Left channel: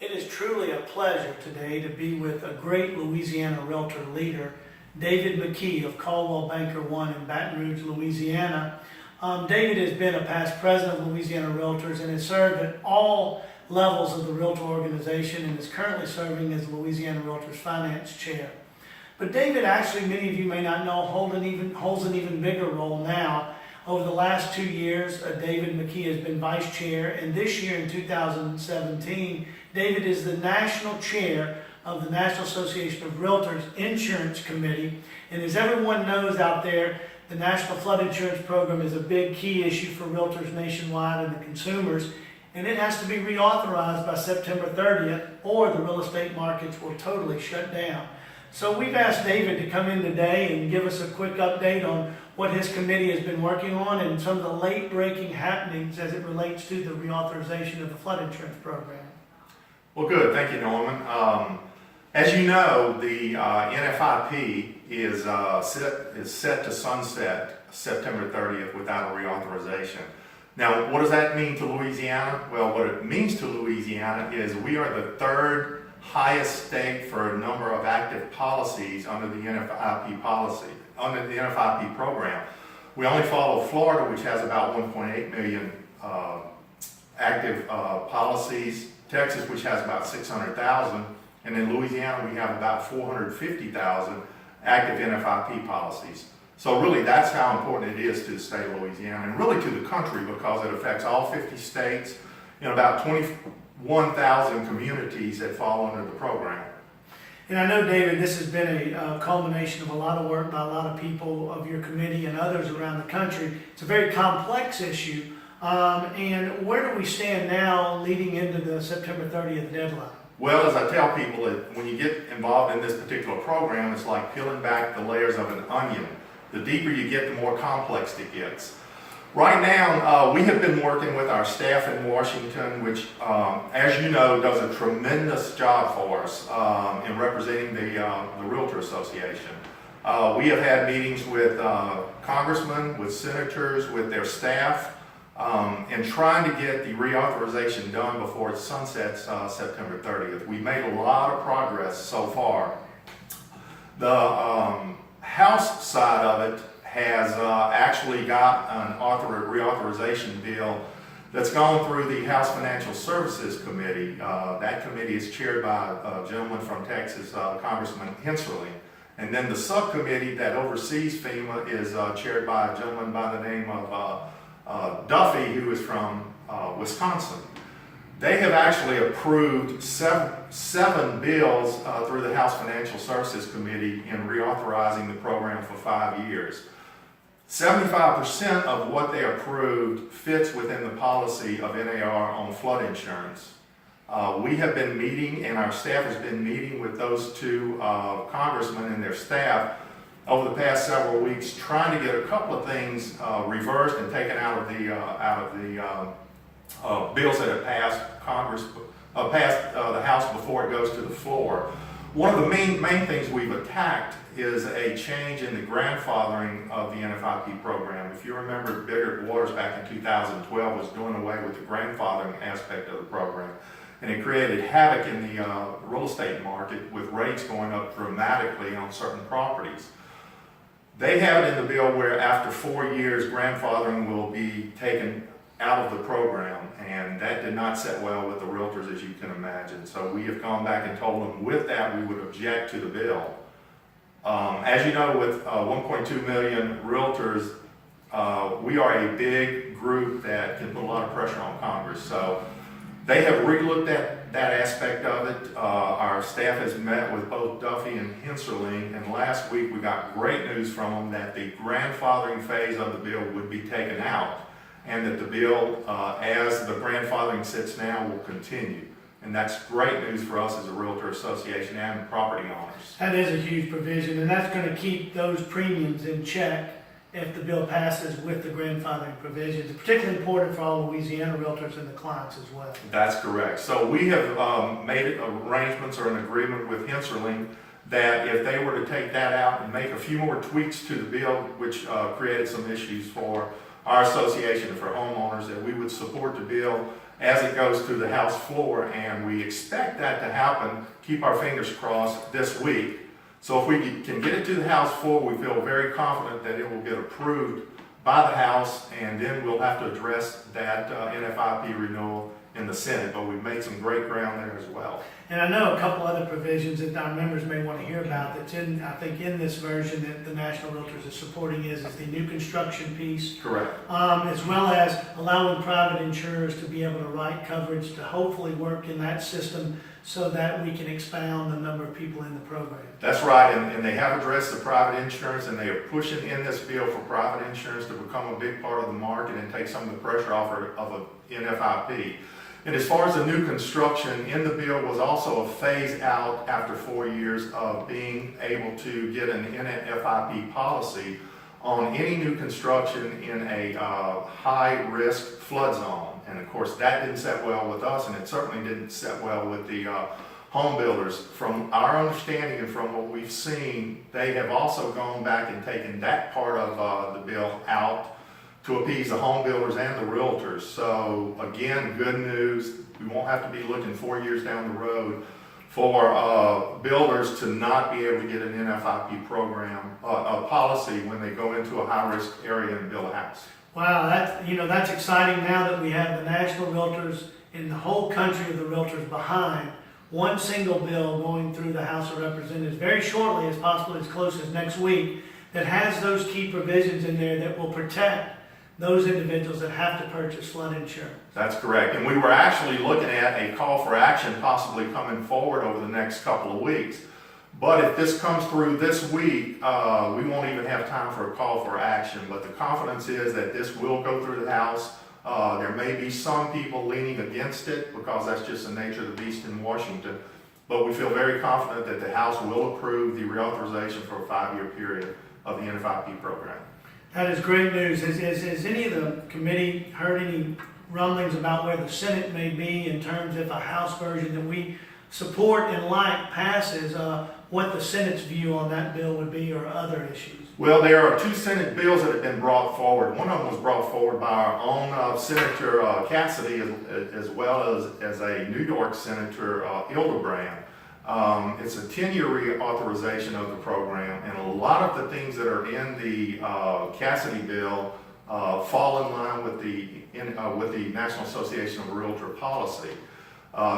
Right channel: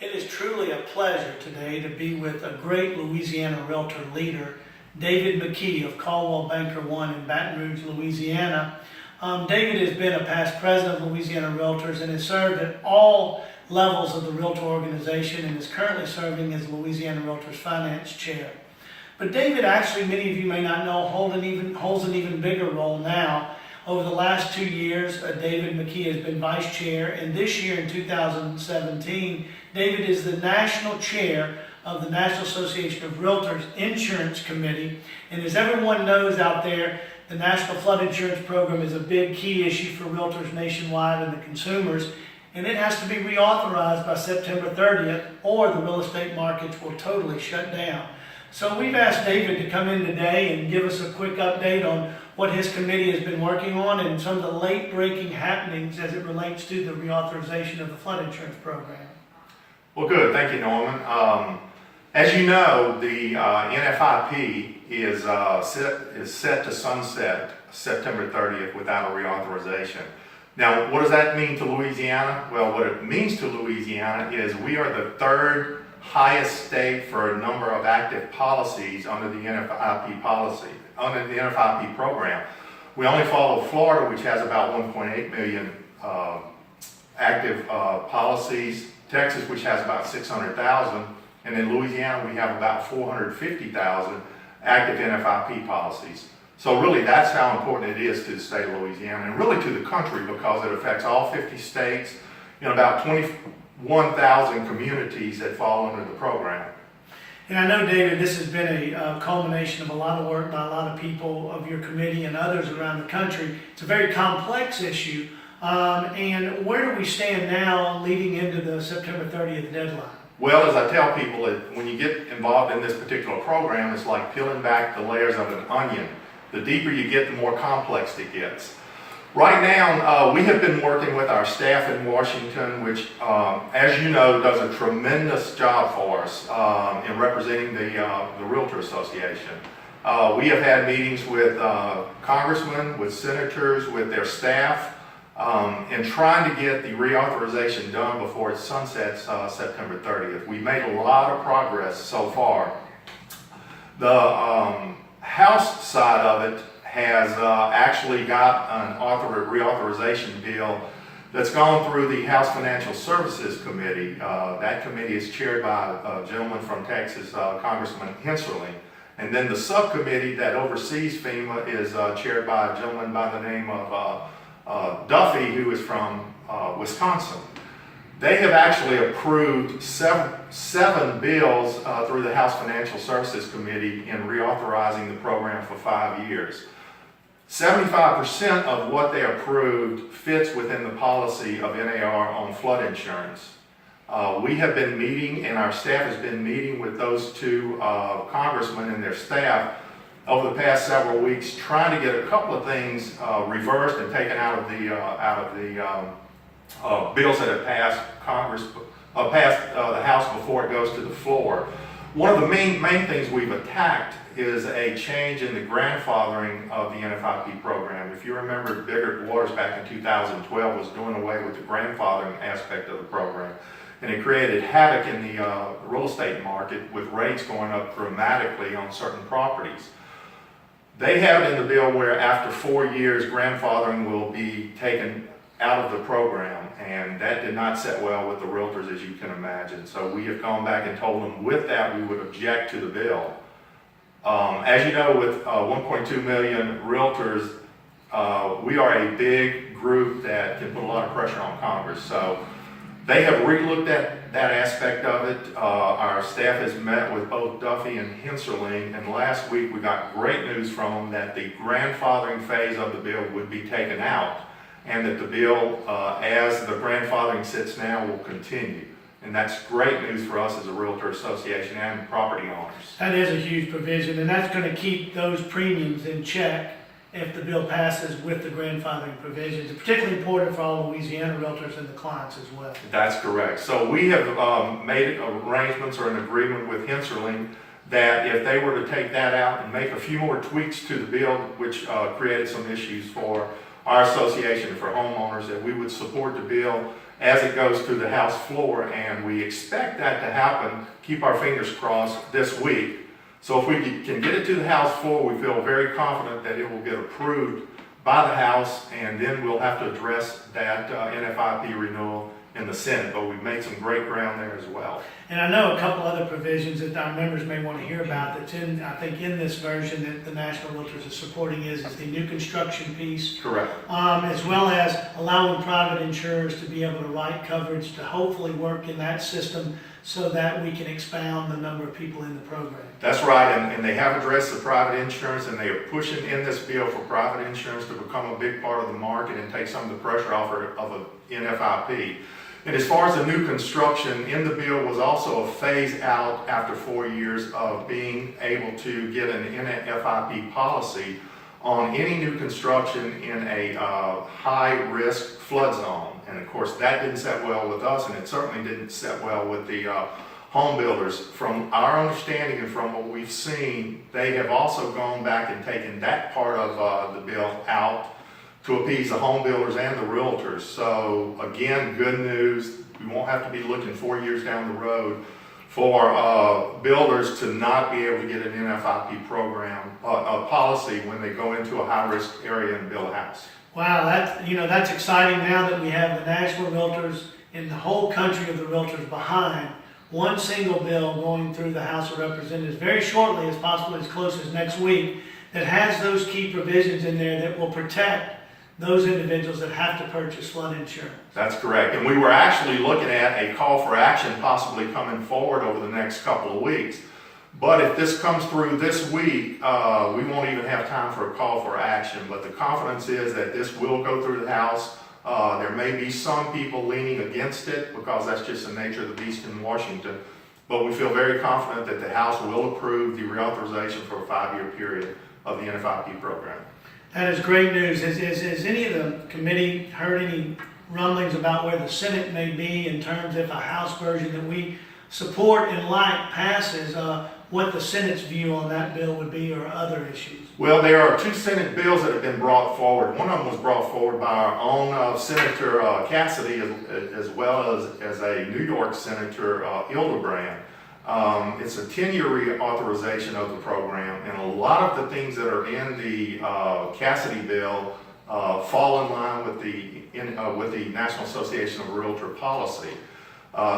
It is truly a pleasure today to be with a great Louisiana realtor leader, David McKey of Coldwell Banker One in Baton Rouge, Louisiana. David has been a past president of Louisiana Realtors and has served at all levels of the realtor organization and is currently serving as Louisiana Realtors Finance Chair. But David, actually, many of you may not know, holds an even bigger role now. Over the last 2 years, David McKey has been vice chair, and this year in 2017, David is the national chair of the National Association of Realtors Insurance Committee. And as everyone knows out there, the National Flood Insurance Program is a big key issue for realtors nationwide and the consumers, and it has to be reauthorized by September 30th, or the real estate markets will totally shut down. So we've asked David to come in today and give us a quick update on what his committee has been working on and some of the late-breaking happenings as it relates to the reauthorization of the flood insurance program. Well, good. Thank you, Norman. As you know, the NFIP is set to sunset September 30th without a reauthorization. Now, what does that mean to Louisiana? Well, what it means to Louisiana is we are the third highest state for a number of active policies under the NFIP program. We only follow Florida, which has about 1.8 million active policies, Texas, which has about 600,000, and in Louisiana, we have about 450,000 active NFIP policies. So really, that's how important it is to the state of Louisiana, and really to the country, because it affects all 50 states, about 21,000 communities that fall under the program. And I know, David, this has been a culmination of a lot of work by a lot of people of your committee and others around the country. It's a very complex issue. And where do we stand now leading into the September 30th deadline? Well, as I tell people, when you get involved in this particular program, it's like peeling back the layers of an onion. The deeper you get, the more complex it gets. Right now, we have been working with our staff in Washington, which, as you know, does a tremendous job for us in representing the Realtor Association. We have had meetings with congressmen, with senators, with their staff, and trying to get the reauthorization done before it sunsets September 30th. We made a lot of progress so far. The House side of it has actually got an reauthorization bill that's gone through the House Financial Services Committee. That committee is chaired by a gentleman from Texas, Congressman Hensley. And then the subcommittee that oversees FEMA is chaired by a gentleman by the name of Duffy, who is from Wisconsin. They have actually approved seven bills through the House Financial Services Committee in reauthorizing the program for 5 years. 75% of what they approved fits within the policy of NAR on flood insurance. We have been meeting, and our staff has been meeting with those two congressmen and their staff over the past several weeks, trying to get a couple of things reversed and taken out of the bills that have passed the House before it goes to the floor. One of the main things we've attacked is a change in the grandfathering of the NFIP program. If you remember, Biggert Waters back in 2012 was doing away with the grandfathering aspect of the program, and it created havoc in the real estate market with rates going up dramatically on certain properties. They have it in the bill where after 4 years, grandfathering will be taken out of the program, and that did not sit well with the realtors, as you can imagine. So we have gone back and told them with that we would object to the bill. As you know, with 1.2 million realtors, we are a big group that can put a lot of pressure on Congress. So they have re-looked at that aspect of it. Our staff has met with both Duffy and Hensley, and last week we got great news from them that the grandfathering phase of the bill would be taken out, and that the bill, as the grandfathering sits now, will continue. And that's great news for us as a realtor association and property owners. That is a huge provision, and that's going to keep those premiums in check if the bill passes with the grandfathering provisions. It's particularly important for all Louisiana realtors and the clients as well. That's correct. So we have made arrangements or an agreement with Hensley that if they were to take that out and make a few more tweaks to the bill, which created some issues for our association and for homeowners, that we would support the bill as it goes to the House floor, and we expect that to happen, keep our fingers crossed, this week. So if we can get it to the House floor, we feel very confident that it will get approved by the House, and then we'll have to address that NFIP renewal in the Senate, but we've made some great ground there as well. And I know a couple other provisions that our members may want to hear about that's in, I think, in this version that the National Realtors is supporting is the new construction piece. Correct. As well as allowing private insurers to be able to write coverage to hopefully work in that system so that we can expound the number of people in the program. That's right, and they have addressed the private insurance, and they are pushing in this bill for private insurance to become a big part of the market and take some of the pressure off of a NFIP. And as far as the new construction, in the bill was also a phase out after 4 years of being able to get an NFIP policy on any new construction in a high-risk flood zone. And of course, that didn't set well with us, and it certainly didn't set well with the home builders. From our understanding and from what we've seen, they have also gone back and taken that part of the bill out to appease the home builders and the realtors. So again, good news. We won't have to be looking 4 years down the road for builders to not be able to get an NFIP program, a policy when they go into a high-risk area and build a house. Wow, that's exciting now that we have the national realtors in the whole country of the realtors behind one single bill going through the House of Representatives very shortly, as possibly as close as next week, that has those key provisions in there that will protect those individuals that have to purchase flood insurance. That's correct. And we were actually looking at a call for action possibly coming forward over the next couple of weeks. But if this comes through this week, we won't even have time for a call for action. But the confidence is that this will go through the House. There may be some people leaning against it because that's just the nature of the beast in Washington. But we feel very confident that the House will approve the reauthorization for a 5-year period of the NFIP program. That is great news. Has any of the committee heard any rumblings about where the Senate may be in terms of a House version that we support and like passes, what the Senate's view on that bill would be or other issues? Well, there are 2 Senate bills that have been brought forward. One of them was brought forward by our own Senator Cassidy, as well as a New York Senator, Hildebrand. It's a 10-year reauthorization of the program, and a lot of the things that are in the Cassidy bill fall in line with the National Association of Realtor policy.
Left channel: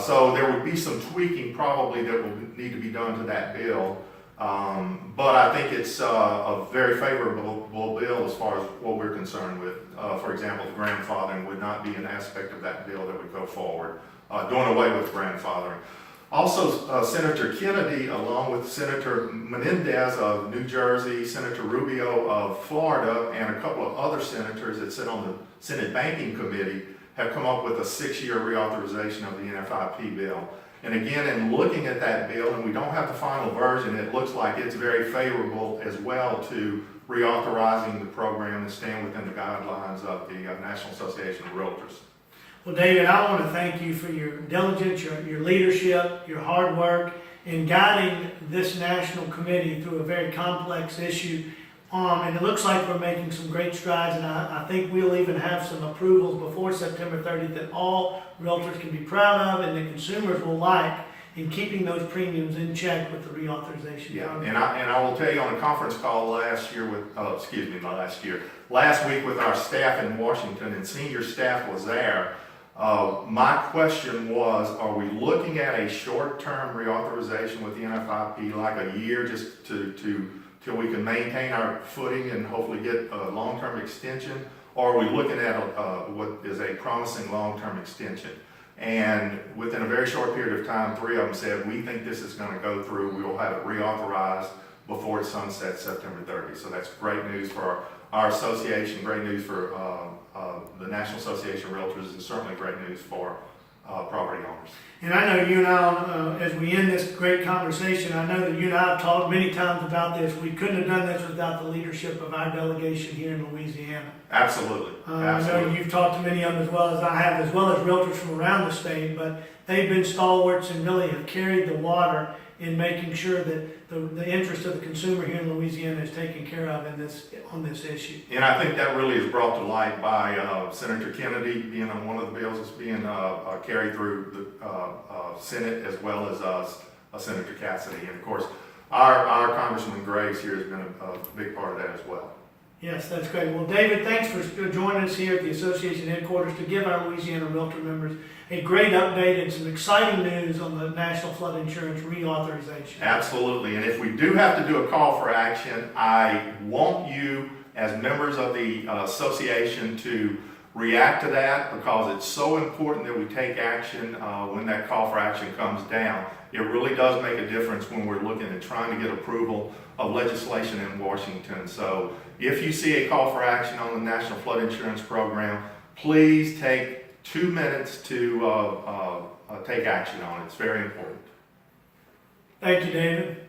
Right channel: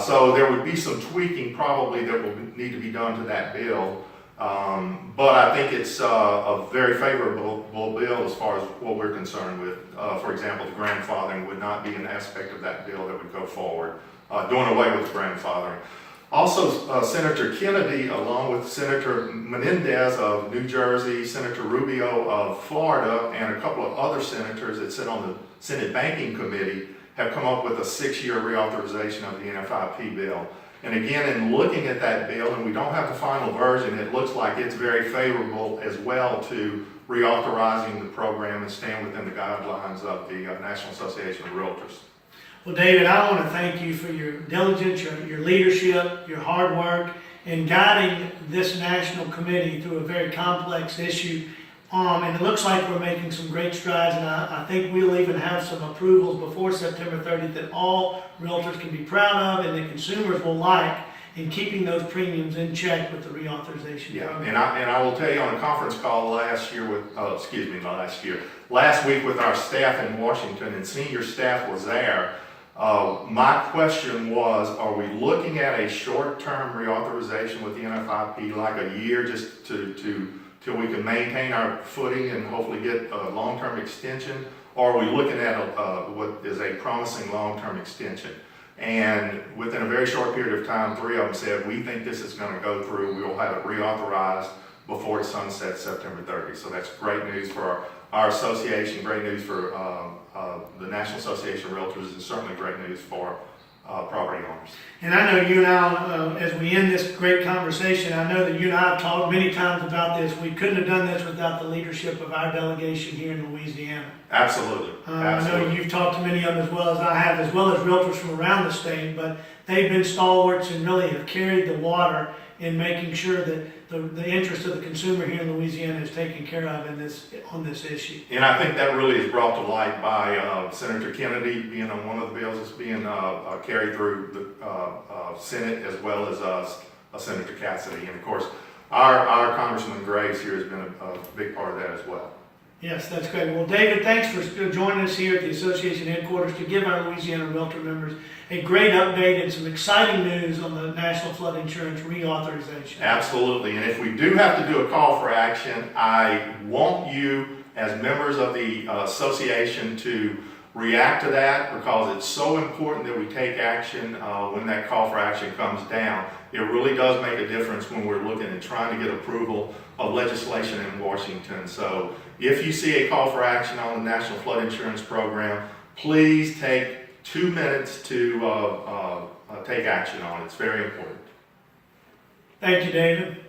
So there would be some tweaking probably that will need to be done to that bill, but I think it's a very favorable bill as far as what we're concerned with. For example, the grandfathering would not be an aspect of that bill that would go forward, doing away with grandfathering. Also, Senator Kennedy, along with Senator Menendez of New Jersey, Senator Rubio of Florida, and a couple of other senators that sit on the Senate Banking Committee, have come up with a 6-year reauthorization of the NFIP bill. And again, in looking at that bill, and we don't have the final version, it looks like it's very favorable as well to reauthorizing the program and staying within the guidelines of the National Association of Realtors. Well, David, I want to thank you for your diligence, your leadership, your hard work in guiding this national committee through a very complex issue. And it looks like we're making some great strides, and I think we'll even have some approvals before September 30th that all realtors can be proud of and that consumers will like in keeping those premiums in check with the reauthorization program. And I will tell you on a conference call last week with our staff in Washington, and senior staff was there. My question was, are we looking at a short-term reauthorization with the NFIP, like a year just till we can maintain our footing and hopefully get a long-term extension? Or are we looking at what is a promising long-term extension? And within a very short period of time, 3 of them said, we think this is going to go through. We will have it reauthorized before it sunsets September 30th. So that's great news for our association, great news for the National Association of Realtors, and certainly great news for property owners. And I know you and I, as we end this great conversation, I know that you and I have talked many times about this. We couldn't have done this without the leadership of our delegation here in Louisiana. Absolutely. I know you've talked to many of them as well as I have, as well as realtors from around the state, but they've been stalwarts and really have carried the water in making sure that the interest of the consumer here in Louisiana is taken care of on this issue. And I think that really is brought to light by Senator Kennedy being on one of the bills that's being carried through the Senate, as well as Senator Cassidy. And of course, our Congressman Graves here has been a big part of that as well. Yes, that's great. Well, David, thanks for joining us here at the association headquarters to give our Louisiana Realtor members a great update and some exciting news on the National Flood Insurance Reauthorization. Absolutely. And if we do have to do a call for action, I want you as members of the association to react to that, because it's so important that we take action when that call for action comes down. It really does make a difference when we're looking and trying to get approval of legislation in Washington. So if you see a call for action on the National Flood Insurance Program, please take 2 minutes to take action on it. It's very important. Thank you, David.